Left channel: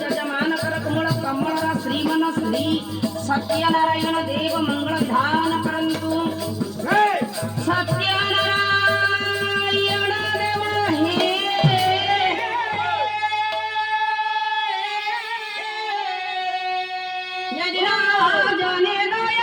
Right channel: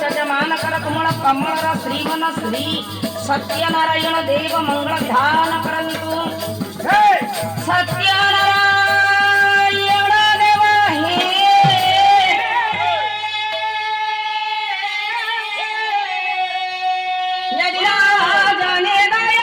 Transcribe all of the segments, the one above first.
जजमान कर कमल कमल श्रीमन श्री सत्यनारायण देव मंगल ध्यान करंतु सत्यनारायण देव हे जाने दया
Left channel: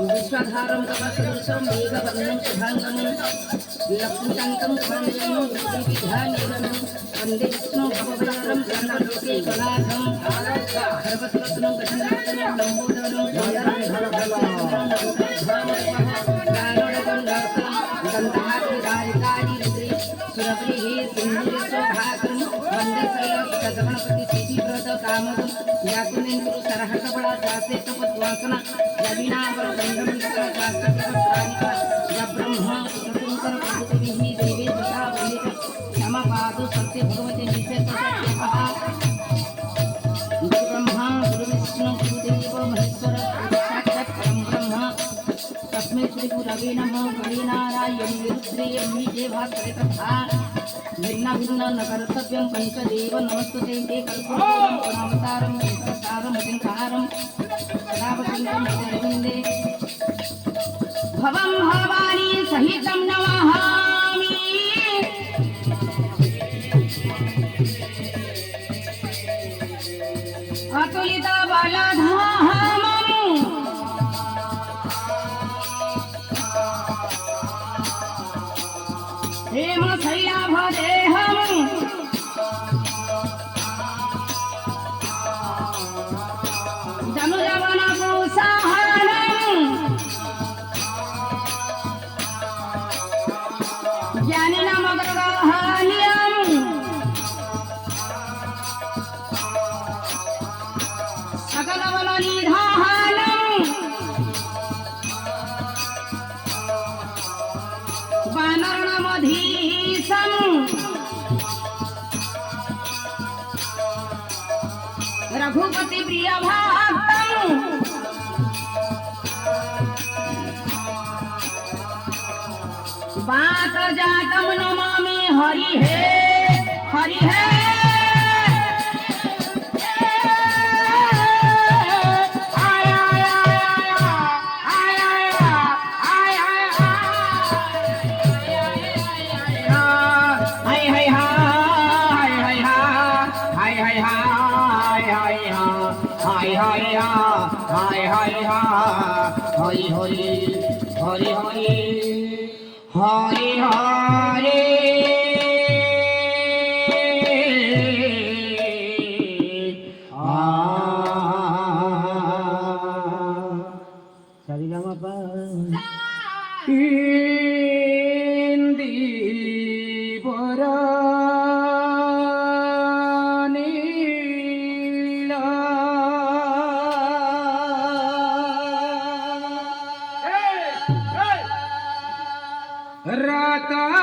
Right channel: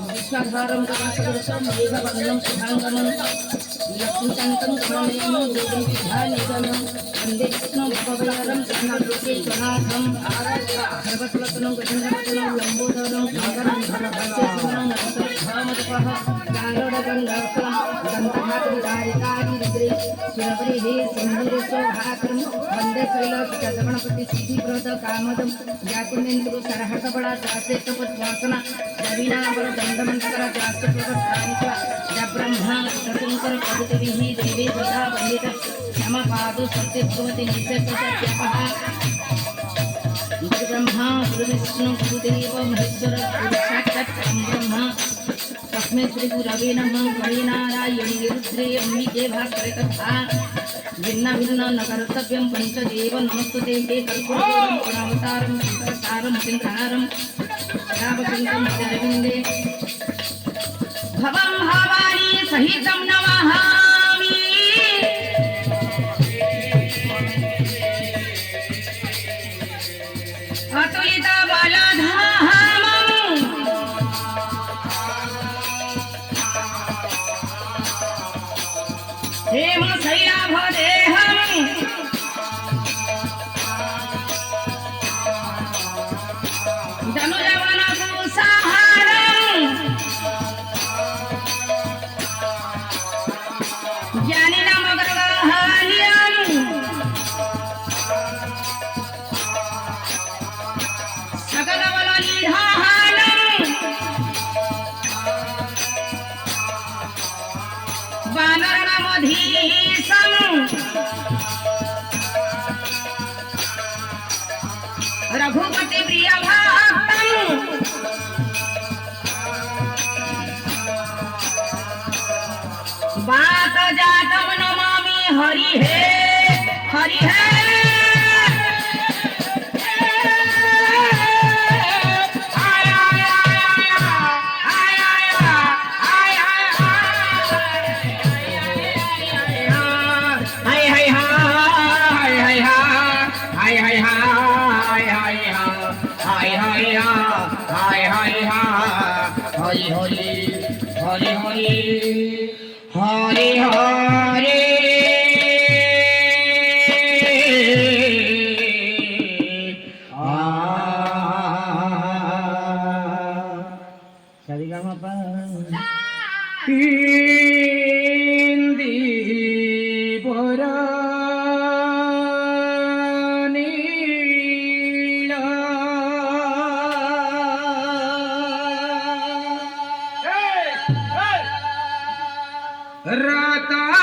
विश्वधारं कमसुरसं मेघवर्णं शुभाङ्गं लक्ष्मीकान्तं कमलयं विद्यानिगमं वन्दे विष्णुं भववरं चन्द्रमुखे गणार्थं सर्वस्वतनं गजनवदनं लम्बोदरं गन्धर्वभक्त्यसुरं भामरपः गारुडगन्धर्वं दन्तहारिकारि रुद्रे सुरवरिः सिन्धुरे शोभाकरं वन्दे शैलसुतगणपति सिद्धिप्रद कामदं व्याकुलेन्द्रो सरहसबला शास्त्रेतपद्वासना रवीणावर दण्डमन्त्र शास्त्रप्रवक्तानिक ब्रह्मा शतुङ्कर प्रभृतिभिः देवे सदा वन्दित क्षमपादो सत्यत्वमति निषेधसत्यपः ब्रह्मा गुरुविष्णु गुरुदेव महेश्वर साक्षात् ब्रह्मा तस्मै श्रीगुरवे नमः हरिनारायण रुद्रे अम्बिके भास्करे तथा भिन्न भिन्न न कर्तव्यं पंचदेव नमस्तुते हे कर्पूरं प्रणवतारं शङ्करसारं मतिन्तारं रावपिण्डं शरविन्दे भवं भवानी सहितं नमामि अतुलित बलधामं हेम शैलाभदेहं धनुजवनकुसहनं ज्ञानिनमग्रगहनीयं सकलबलनिधानं वानरनमधीशं रघुपति प्रियभक्तं वातजातं नमामि हरिः हरिः हरि हरि हरि हरि हरि हरि सरिगमपा हिंदी बोरा रतना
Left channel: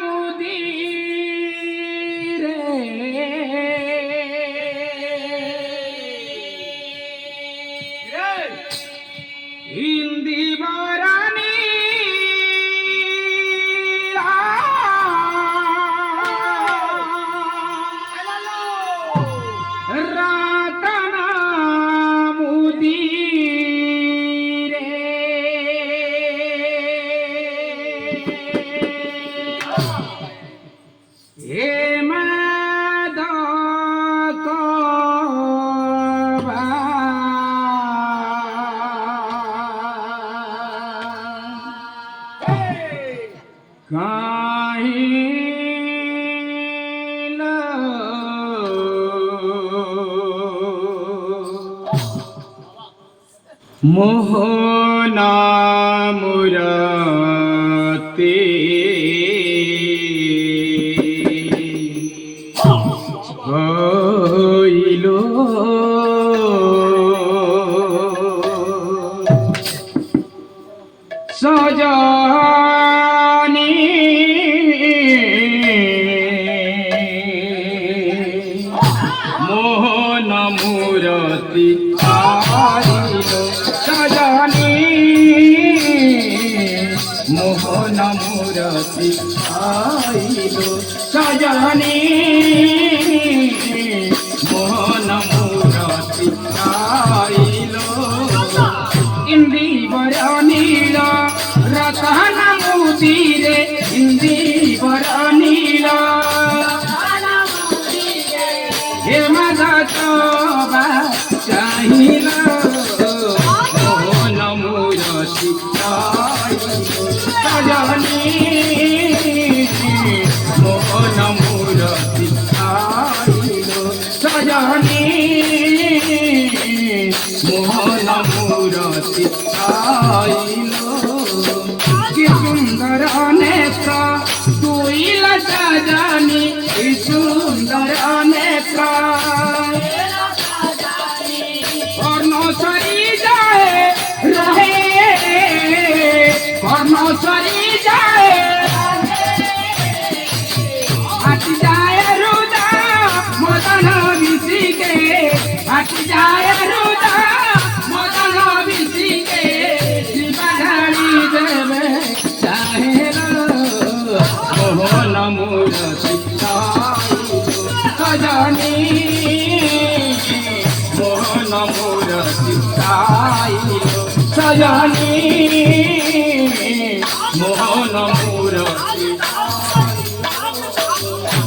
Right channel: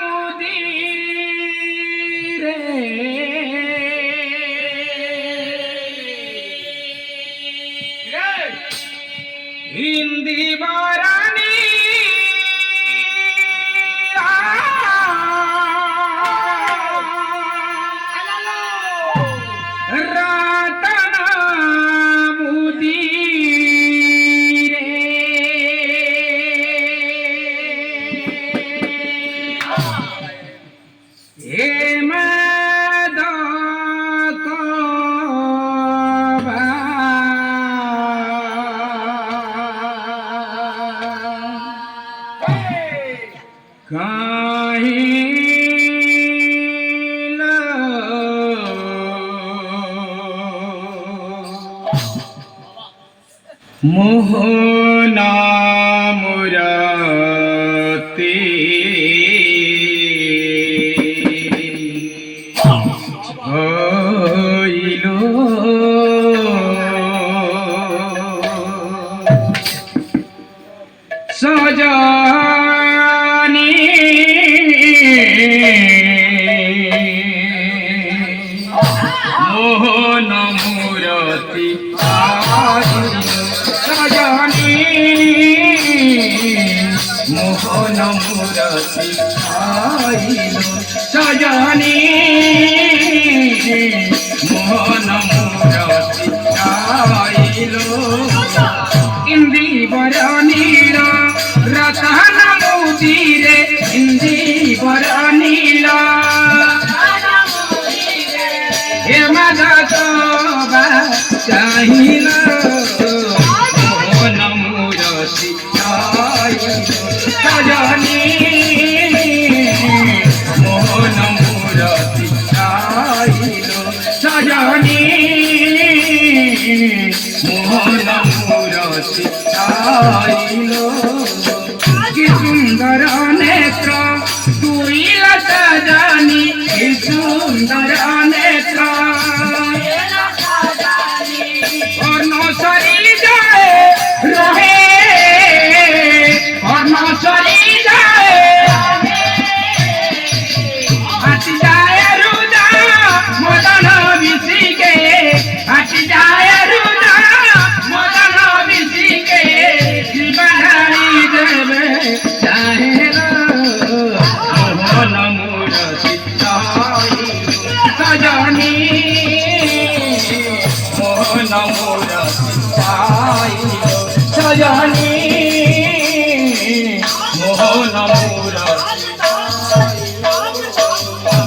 मुदीरे ইন্দিবরানী রাতনা মুদি রে এ মোহনা মুরাতে হইল সজনী মোহন মুরতি সজনী মোহন মুরতি আইল সজনী মোহন মুরতি আইল ইন্দিবরনীর রতন মুদিরে ইন্দিবরনীর হে মাধবা চাহিল মোহন মুরতি আইল সজনী মোহন মুরতি আইল সজনী মোহন মুরতি আইল কি সুন্দর নেত্র তুইল সজনী কি সুন্দর নেত্র কর্ণশ্বরী যায় রহে কর্ণশ্বরী যায় হাতি যায় রুদা মদন বিশিকে হাতি যায় রুদা মদন বিশিকে জীবধারী দেবে চাহের মোহন মুরতি সজনী মোহন মুরতি সজনী মোহন মুরতি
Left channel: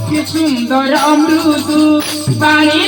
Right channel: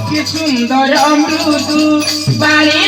কি সুন্দর মৃদু বাণী